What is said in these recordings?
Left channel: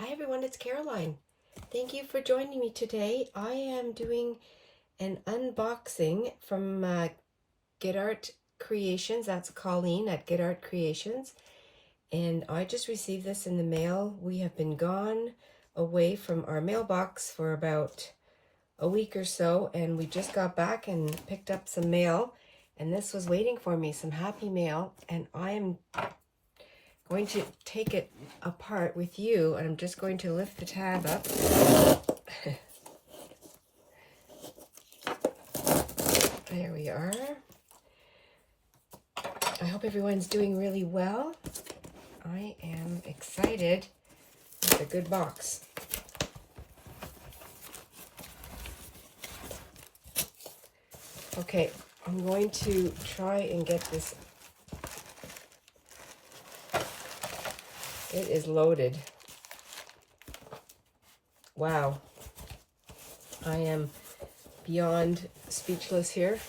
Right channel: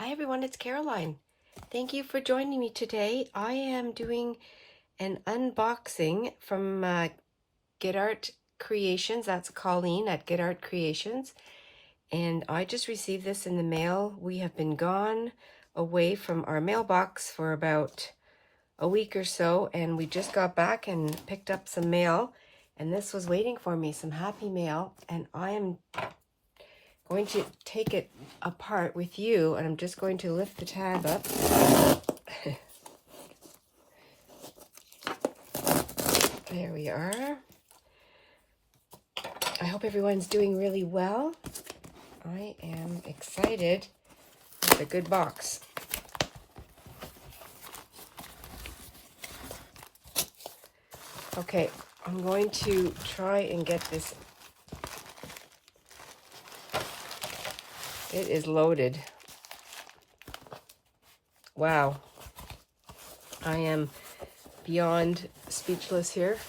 Hi everyone, it's Caroline. Thank you for joining me today. I am doing an unboxing from Get Art Creations. That's Colleen at Get Art Creations. And I just received this in the mail. We have been gone away from our mailbox for about a week or so, and we just got back and picked up some mail. And this was waiting for me, some happy mail, and I am going to take it apart with you, and I'm just going to lift the tab up. There we are. I hope everyone's doing really well. I am excited. It's a good box. Okay, I'm going to try and get this. It is loaded. Wow. I am beyond speechless here.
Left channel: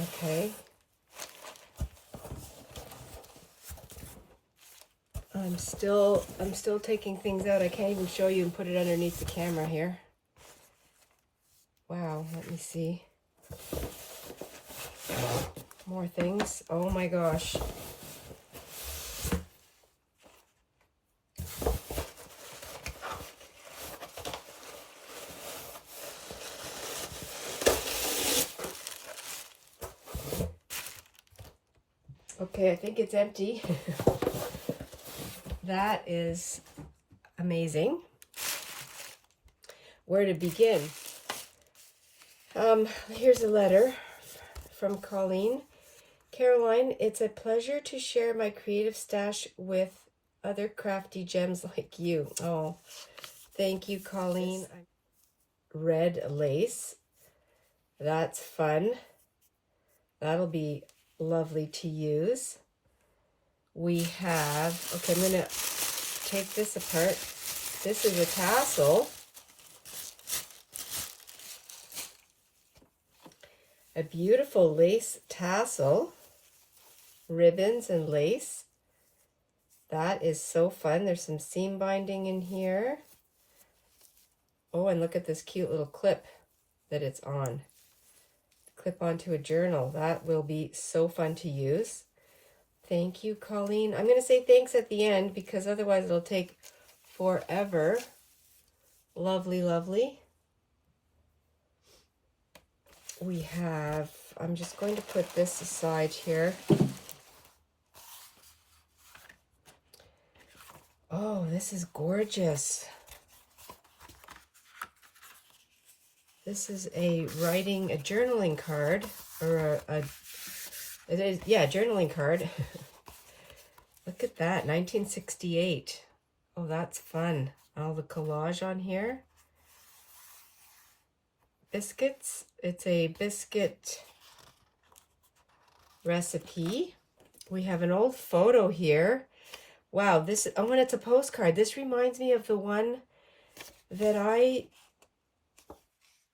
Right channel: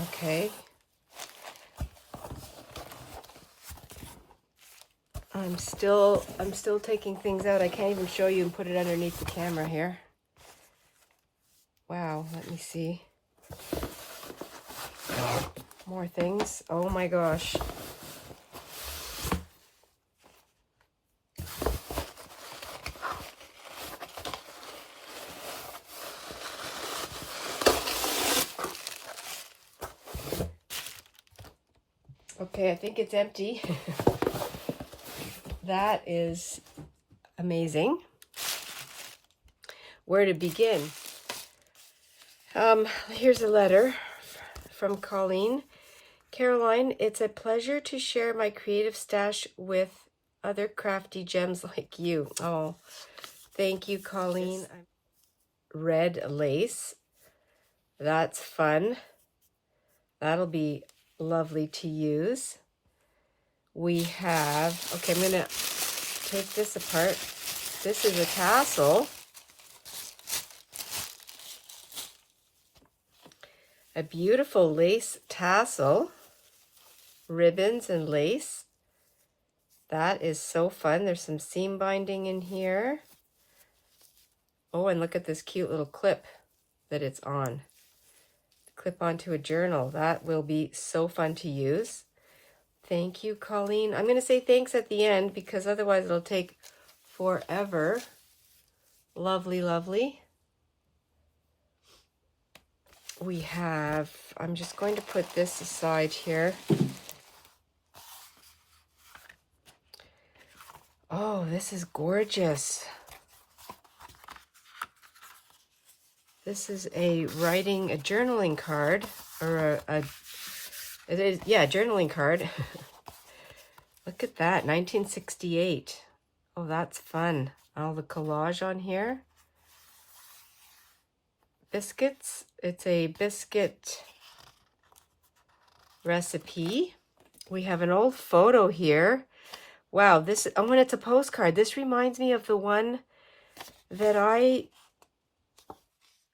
Okay. I'm still taking things out. I can't even show you and put it underneath the camera here. Wow, let me see. More things. Oh my gosh. Okay, I think it's empty. That is amazing. Where to begin? Here's a letter from Colleen. Caroline, it's a pleasure to share my creative stash with other crafty gems like you. Oh, thank you, Colleen. Red lace. That's fun. That'll be lovely to use. We have, okay, I'm gonna take this apart. This is a tassel. A beautiful lace tassel. Ribbons and lace. That is so fun. There's some seam binding in here. Oh, and look at this cute little clip that it's on. Clip onto a journal. That will be so fun to use. Thank you, Colleen. I'm going to say thanks at the end because otherwise it'll take forever. Lovely, lovely. We have, I'm just going to put this aside here. Oh, this is gorgeous. This is a journaling card, or it is, yeah, journaling card. Look at that, 1968. Oh, that's fun. All the collage on here. Biscuits. It's a biscuit recipe. We have an old photo here. Wow, this, oh, when it's a postcard. This reminds me of the one that I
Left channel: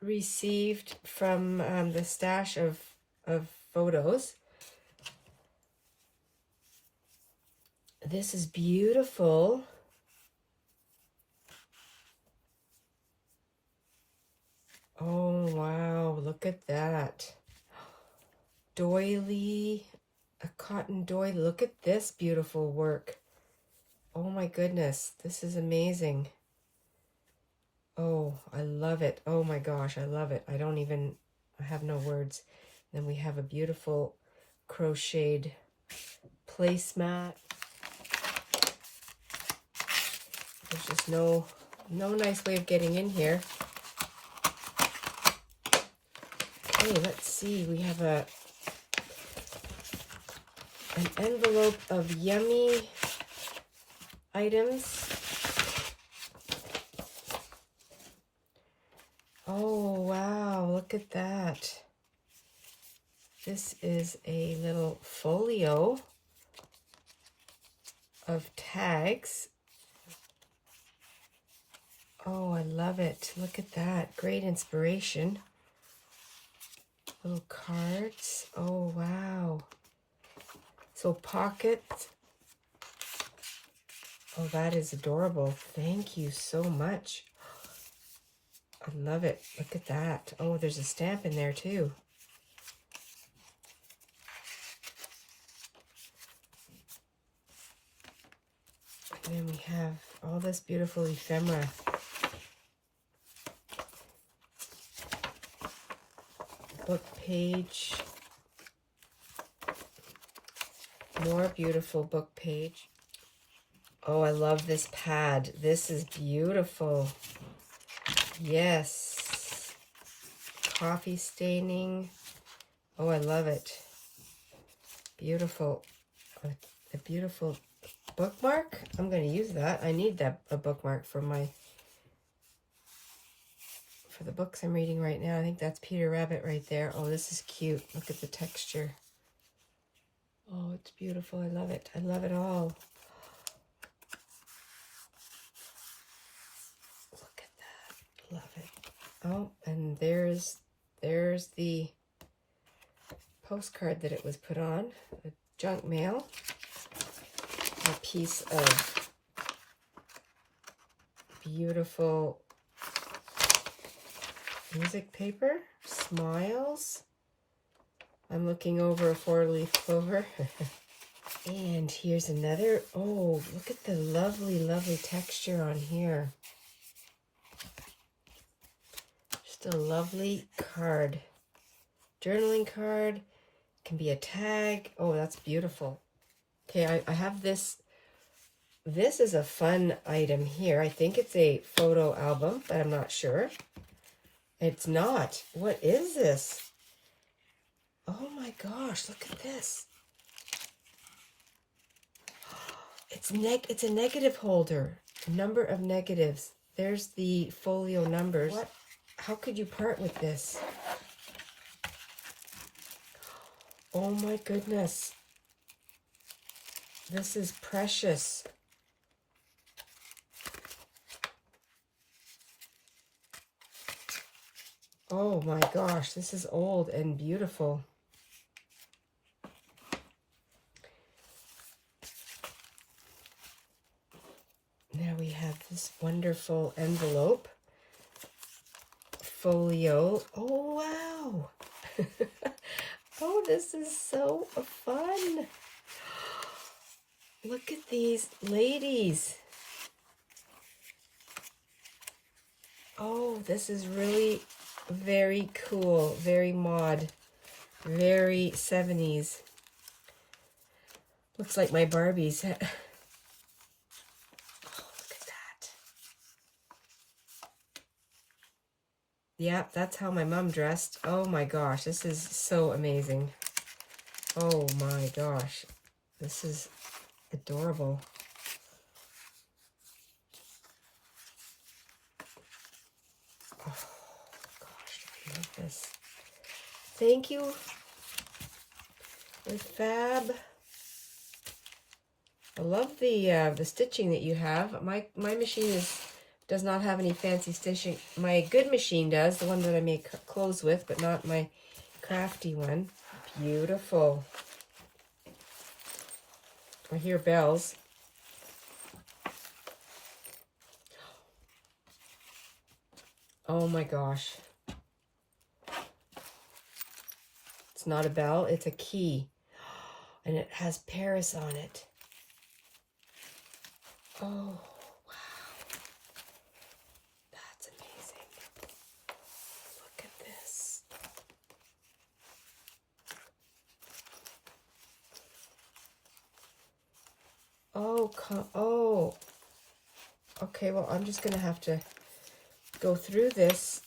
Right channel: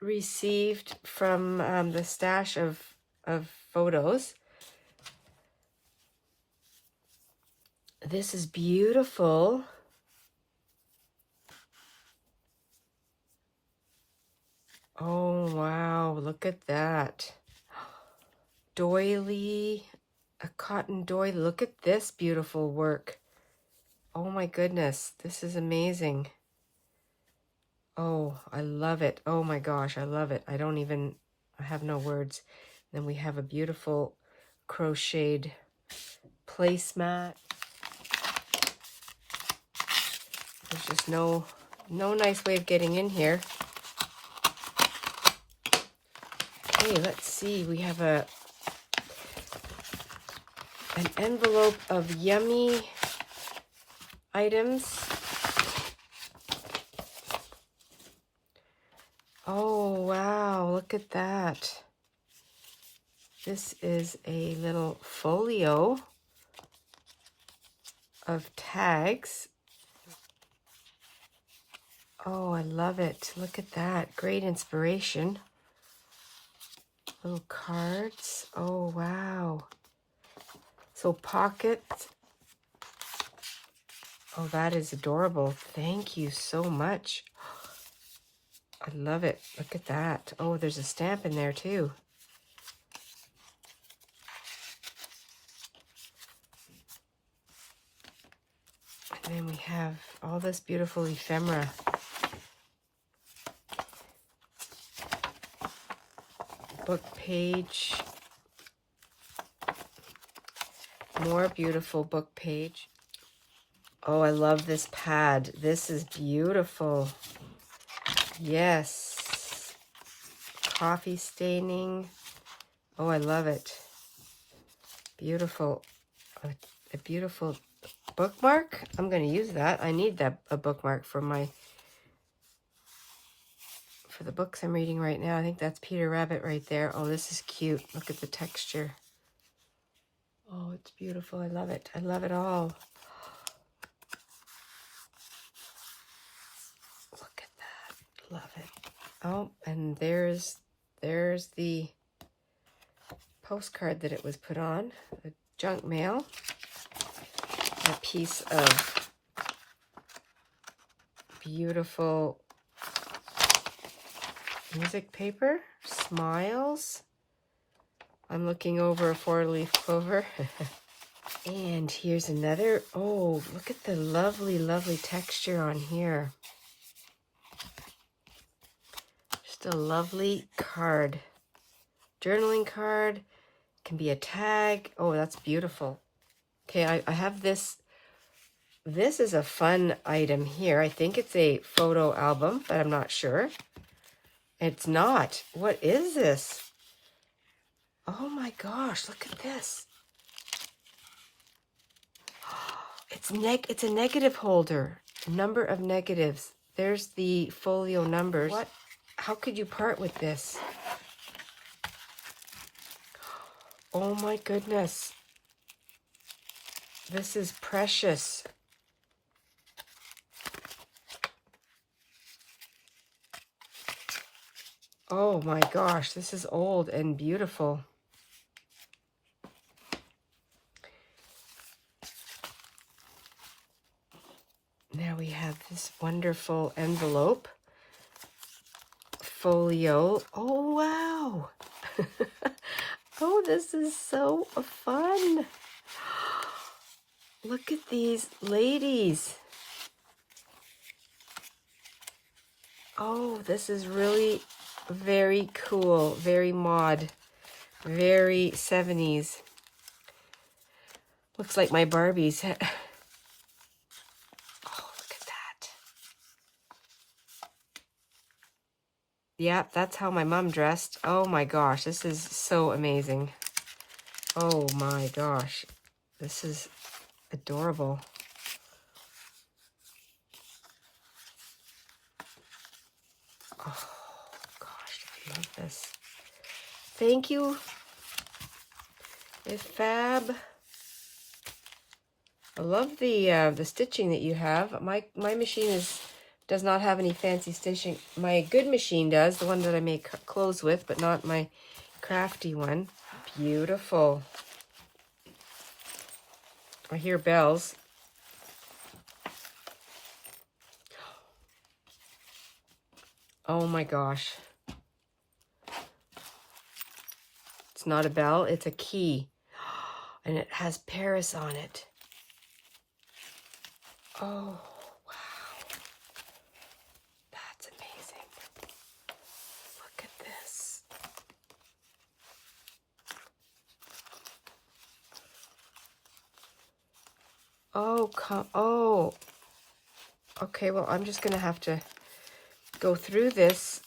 received from the stash of photos. This is beautiful. Oh, wow, look at that. Doily, a cotton doily. Look at this beautiful work. Oh my goodness, this is amazing. Oh, I love it. Oh my gosh, I love it. I have no words. Then we have a beautiful crocheted placemat. There's just no nice way of getting in here. Okay, let's see. We have an envelope of yummy items. Oh, wow, look at that. This is a little folio of tags. Oh, I love it. Look at that. Great inspiration. Little cards. Oh, wow. So pockets. Oh, that is adorable. Thank you so much. I love it. Look at that. Oh, there's a stamp in there too. And then we have all this beautiful ephemera. Book page. More beautiful book page. Oh, I love this pad. This is beautiful. Yes. Coffee staining. Oh, I love it. Beautiful. A beautiful bookmark. I'm going to use that. I need a bookmark for the books I'm reading right now. I think that's Peter Rabbit right there. Oh, this is cute. Look at the texture. Oh, it's beautiful. I love it. I love it all. Look at that. Love it. Oh, and there's the postcard that it was put on. The junk mail. A piece of beautiful music paper. Smiles. I'm looking over a 4-leaf clover. And here's another. Oh, look at the lovely, lovely texture on here. Just a lovely card. Journaling card. Can be a tag. Oh, that's beautiful. Okay, I have this. This is a fun item here. I think it's a photo album, but I'm not sure. It's not. What is this? Oh my gosh, look at this. It's a negative holder. A number of negatives. There's the folio numbers. What? How could you part with this? Oh my goodness. This is precious. Oh my gosh, this is old and beautiful. Now we have this wonderful envelope. Folio. Oh, wow. Oh, this is so fun. Look at these ladies. Oh, this is really very cool. Very mod. Very 70s. Looks like my Barbies. Oh, look at that. Yeah, that's how my mom dressed. Oh my gosh, this is so amazing. Oh my gosh. This is adorable. Oh gosh, I love this. Thank you. It's fab. I love the stitching that you have. My machine does not have any fancy stitching. My good machine does, the one that I make clothes with, but not my crafty one. Beautiful. I hear bells. Oh my gosh. It's not a bell, it's a key. And it has Paris on it. Oh, wow. That's amazing. Look at this. Oh, oh. Okay, well, I'm just going to have to go through this.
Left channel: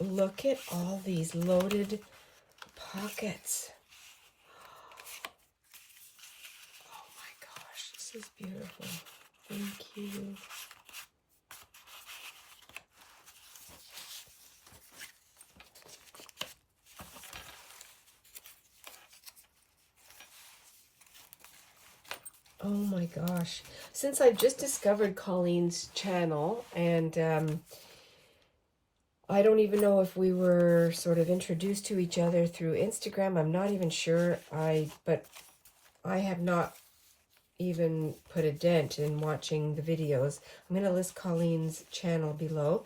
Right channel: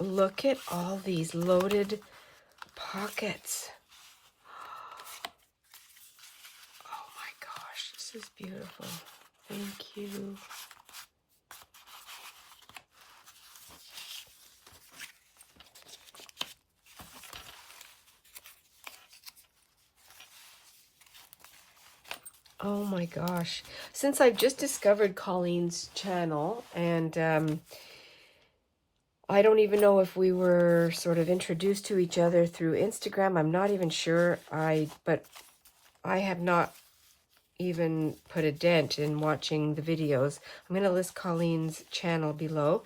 Look at all these loaded pockets. Oh my gosh, this is beautiful. Thank you. Oh my gosh. Since I've just discovered Colleen's channel, and I don't even know if we were sort of introduced to each other through Instagram. I'm not even sure. But I have not even put a dent in watching the videos. I'm going to list Colleen's channel below.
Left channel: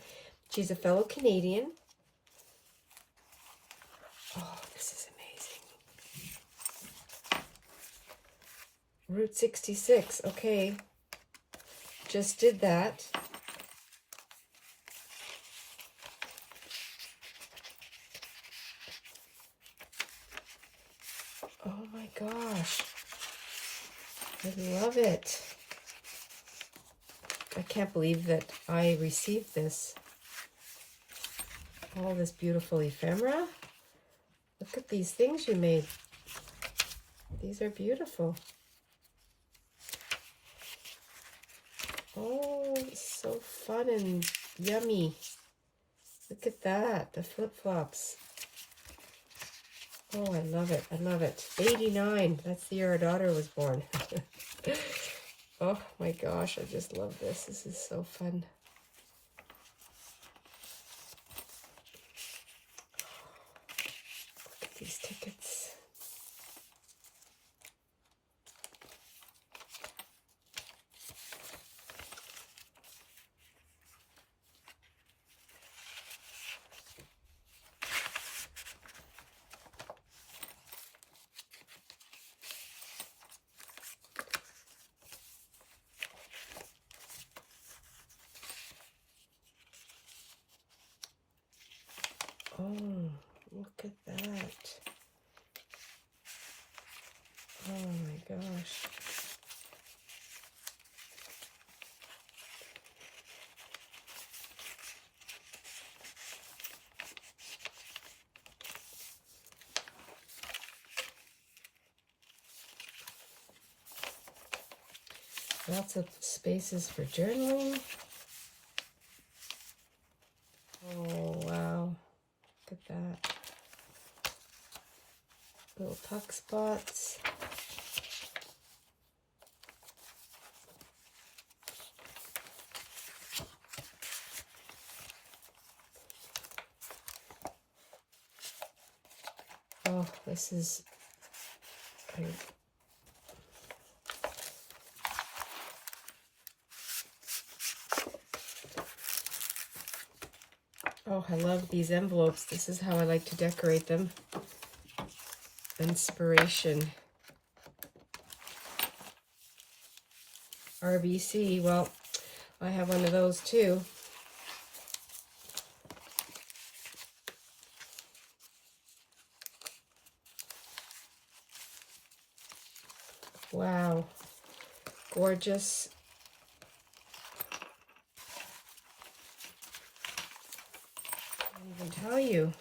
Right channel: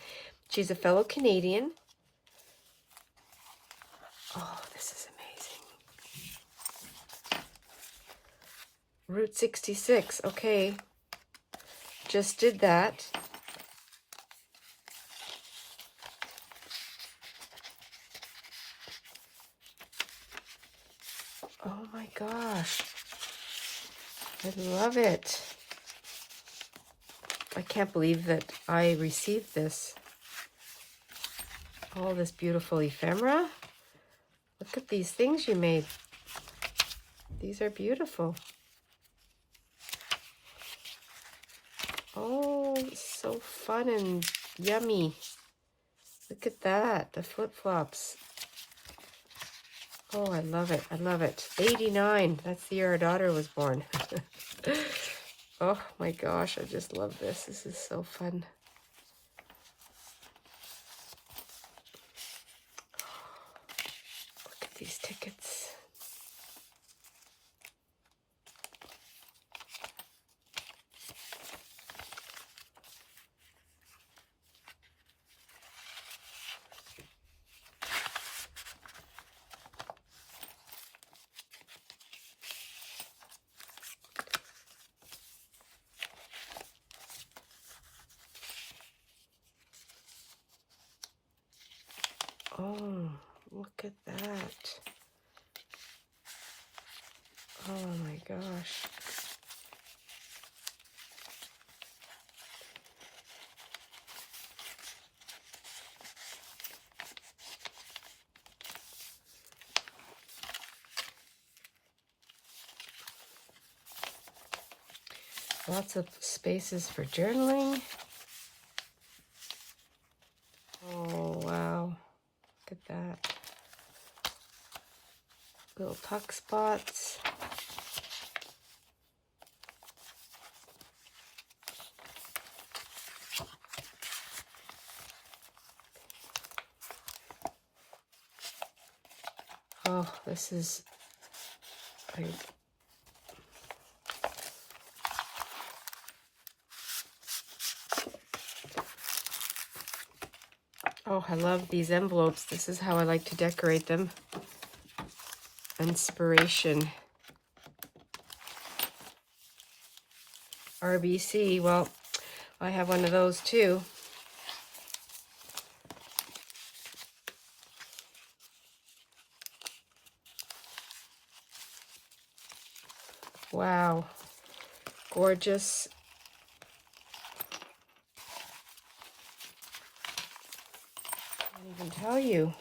She's a fellow Canadian. Oh, this is amazing. Route 66. Okay. Just did that. Oh my gosh. I love it. I can't believe that I received this. All this beautiful ephemera. Look at these things you made. These are beautiful. Oh, so fun and yummy. Look at that, the flip-flops. Oh, I love it. I love it. 89. That's the year our daughter was born. Oh my gosh, I just love this. This is so fun. Look at these tickets. Oh, look at that. Oh my gosh. Lots of spaces for journaling. Oh, wow. Look at that. Little tuck spots. Oh, this is... Oh, I love these envelopes. This is how I like to decorate them. Inspiration. RBC. Well, I have one of those too. Wow. Gorgeous. I can't even tell you.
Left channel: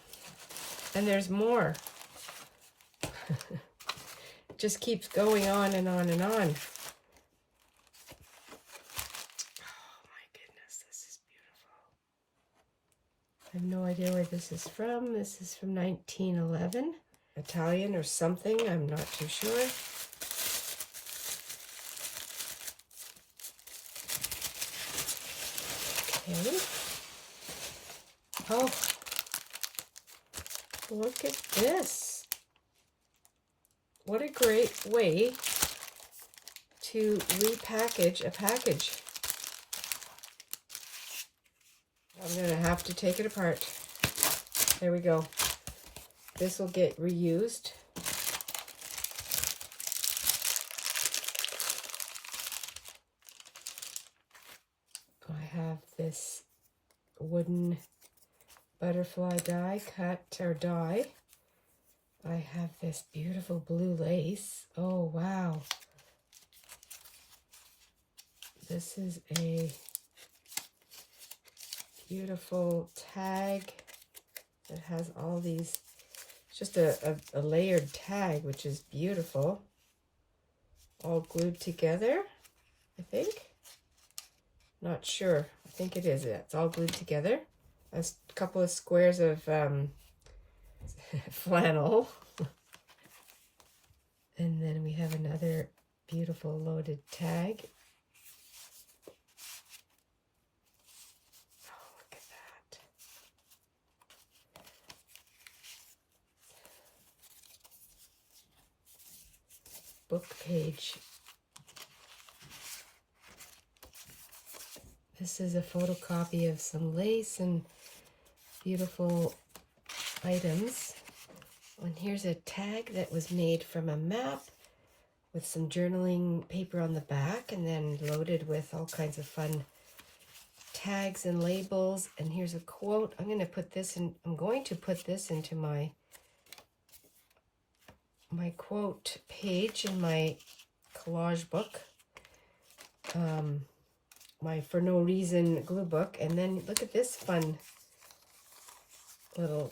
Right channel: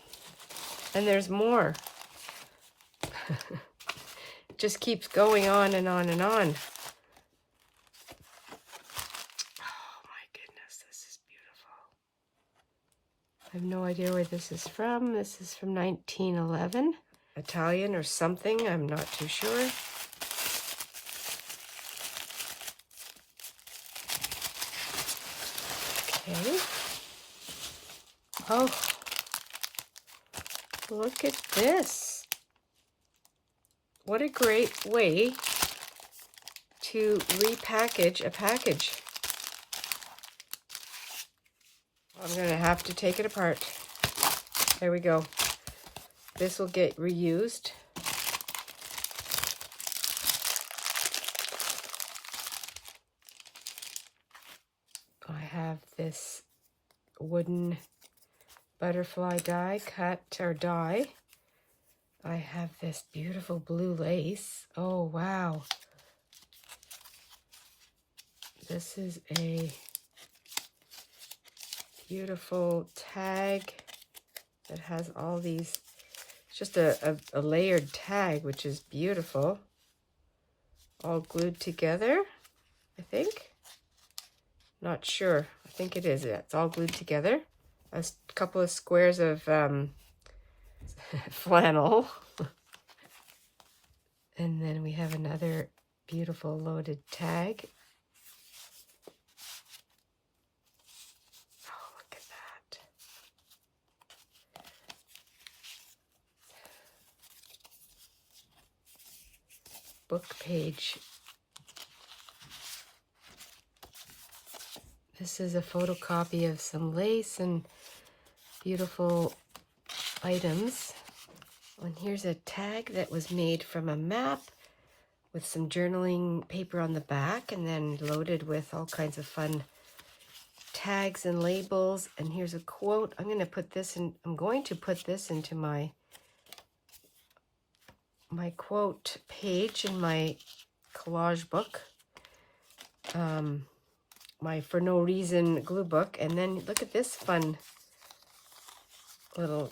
And there's more. It just keeps going on and on and on. Oh my goodness, this is beautiful. I have no idea where this is from. This is from 1911. Italian or something, I'm not too sure. Okay. Oh, look at this. What a great way to repackage a package. I'm going to have to take it apart. There we go. This will get reused. I have this wooden butterfly die cut or die. I have this beautiful blue lace. Oh, wow. This is a beautiful tag that has all these, it's just a layered tag, which is beautiful. All glued together, I think. Not sure. I think it is. It's all glued together. A couple of squares of flannel. And then we have another beautiful loaded tag. Oh, look at that. Book page This is a photocopy of some lace and beautiful items. And here's a tag that was made from a map with some journaling paper on the back and then loaded with all kinds of fun tags and labels. And here's a quote. I'm going to put this into my quote page in my collage book, my For No Reason glue book. And then look at this fun little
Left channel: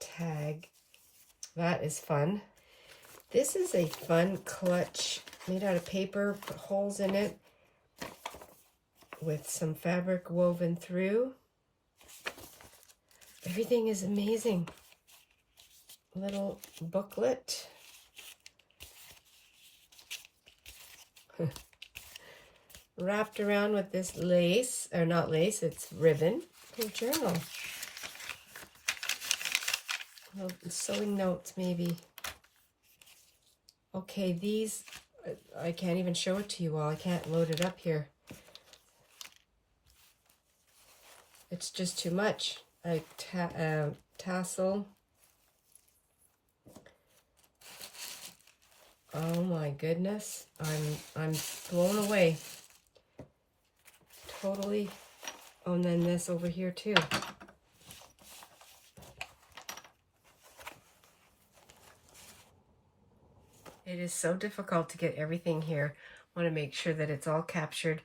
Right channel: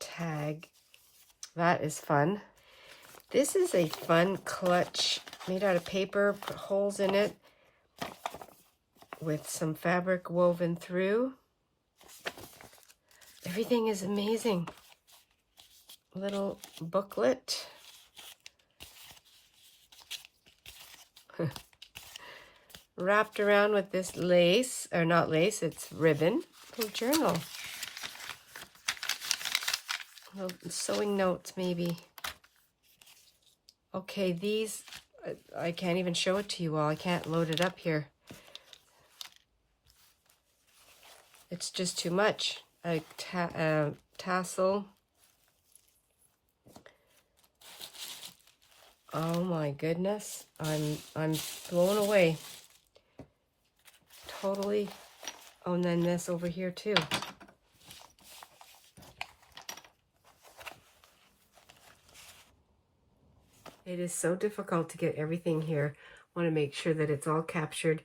tag. That is fun. This is a fun clutch made out of paper, put holes in it with some fabric woven through. Everything is amazing. Little booklet. Wrapped around with this lace, or not lace, it's ribbon. A journal. Little sewing notes maybe. Okay, these, I can't even show it to you all. I can't load it up here. It's just too much. A tassel. Oh my goodness. I'm blown away. Totally. Oh, and then this over here too. It is so difficult to get everything here. I want to make sure that it's all captured.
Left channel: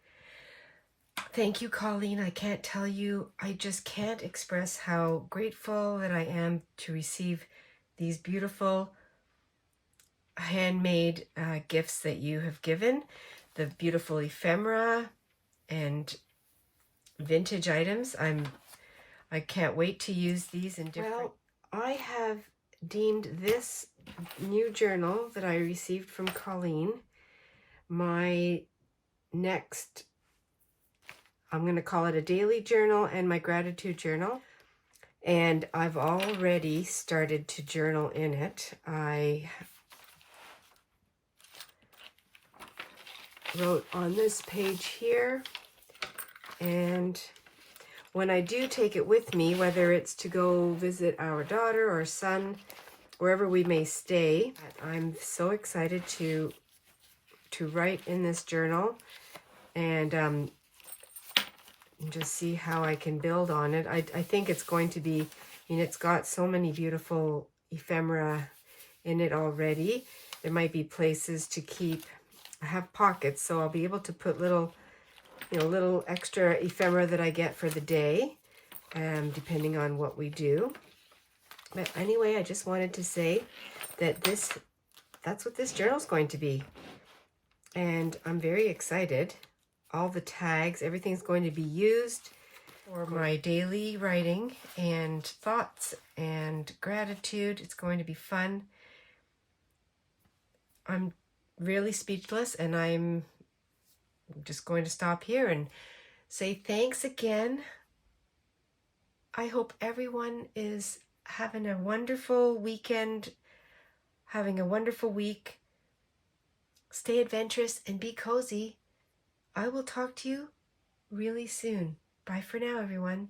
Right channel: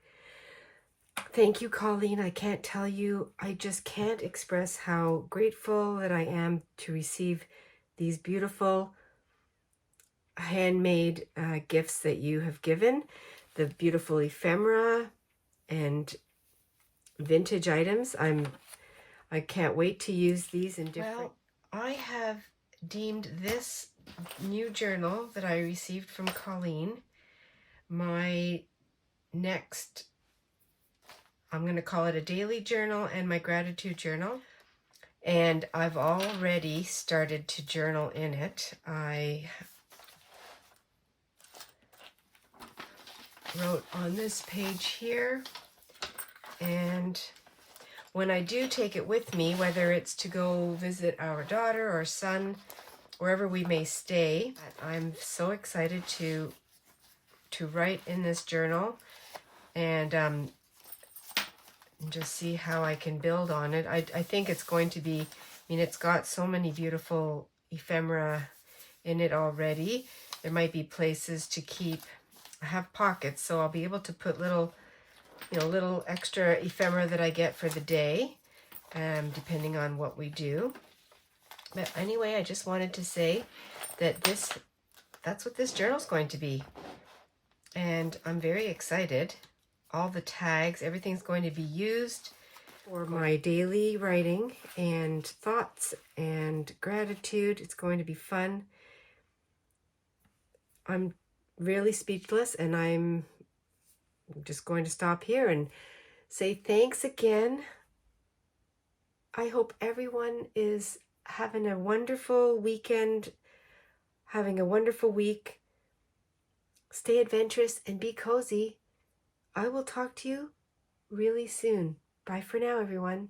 Thank you, Colleen. I can't tell you, I just can't express how grateful that I am to receive these beautiful handmade gifts that you have given. The beautiful ephemera and vintage items. I can't wait to use these in different... Well, I have deemed this new journal that I received from Colleen my next, I'm going to call it a daily journal and my gratitude journal. And I've already started to journal in it. I wrote on this page here, and when I do take it with me, whether it's to go visit our daughter or son, wherever we may stay, I'm so excited to write in this journal and just see how I can build on it. I think it's going to be, I mean, it's got so many beautiful ephemera in it already. There might be places to keep, I have pockets, so I'll be able to put little, little extra ephemera that I get for the day, depending on what we do. But anyway, I just wanted to say that that's what this journal is going to be. And I'm very excited. All the tags, everything's going to be used for my daily writing and thoughts and gratitude. It's going to be fun. I'm really speechless, and I'm just going to stop here and say thanks again. I hope everyone is having a wonderful weekend, having a wonderful week. Stay adventurous and be cozy. I will talk to you really soon. Bye for now, everyone.